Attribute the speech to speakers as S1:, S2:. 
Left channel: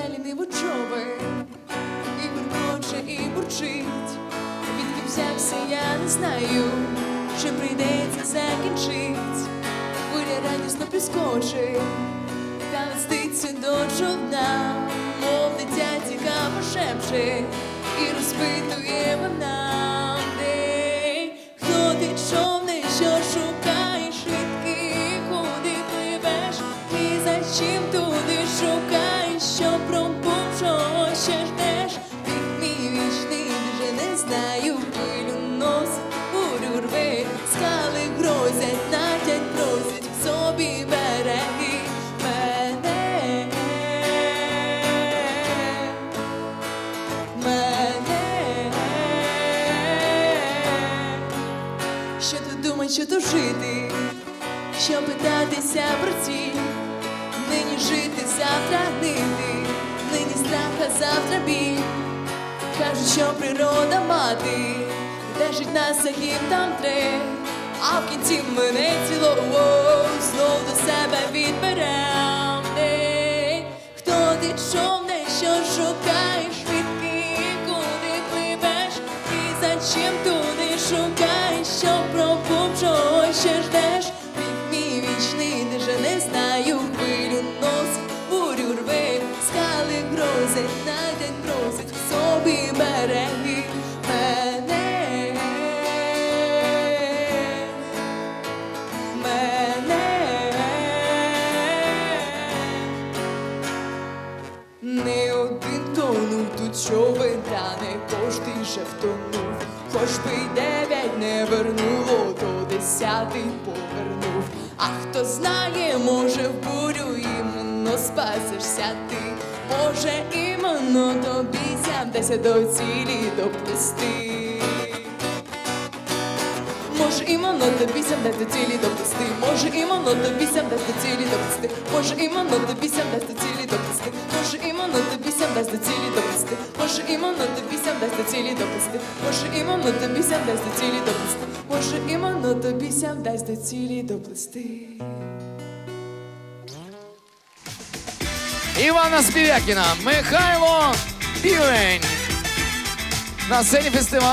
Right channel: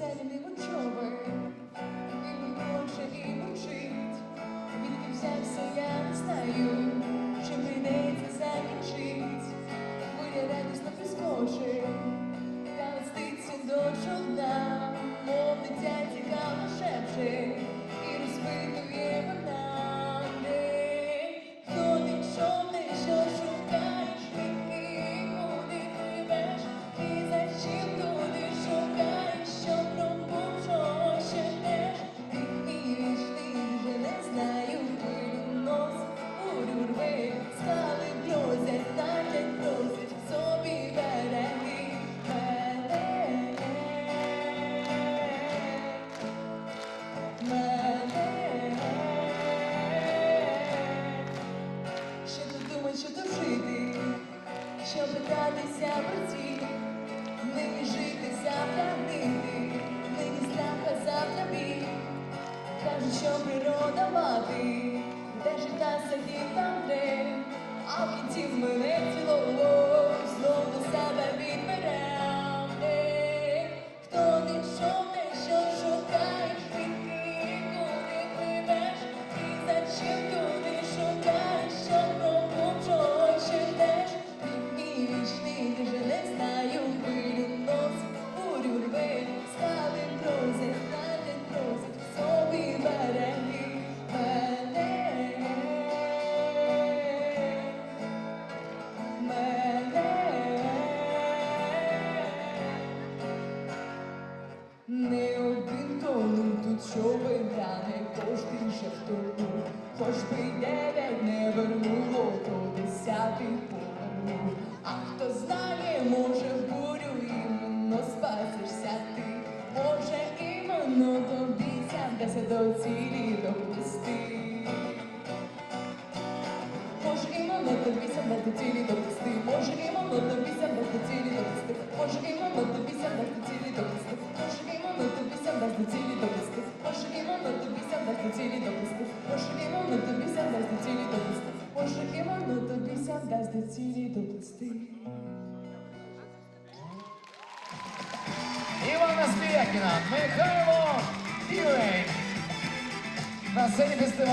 S1: ліниво човен, і бурмоче, і бурчить. Відки взявся, я не знаю, чи прийдеться закінчить. Буря радісно прискочить, та листиться до тут думать, що жити, питатися про ціль, нині жити, завтра гнити, нині страх, а завтра біль. Кажуть, що природа мати, держить нас яким там тре, а в кінці мене цілого знов до себе відберем. Ей, Хто ти човне, що шукаєш, відки, куди пливеш, і за шукаєш, що пробув, чого ще ждеш, Вік мій вічний, де же не знаю, хвилю нос, бурю рве, скали грозить, найдень просить в собі береги мене. Мене. Не тут човен, та кожний же втонув. Хоч би й дев'ять не вернуло, то десятий повернув. А хто знає, може в бурю іменно спасешся ти. Може, іменно тобі сямдеся до цілі доплести. Може іменно тобі сям до цілі доплести, може іменно тобі сям до цілі доплести, може іменно тобі сям до цілі доплести, може іменно тобі сям до цілі доплести, може іменно тобі сям до цілі доплести, може іменно тобі сям до цілі може іменно тобі ся вдасть до цілі доплести.
S2: Івана Співякіна, Михайло Півень. На сцені фестивалю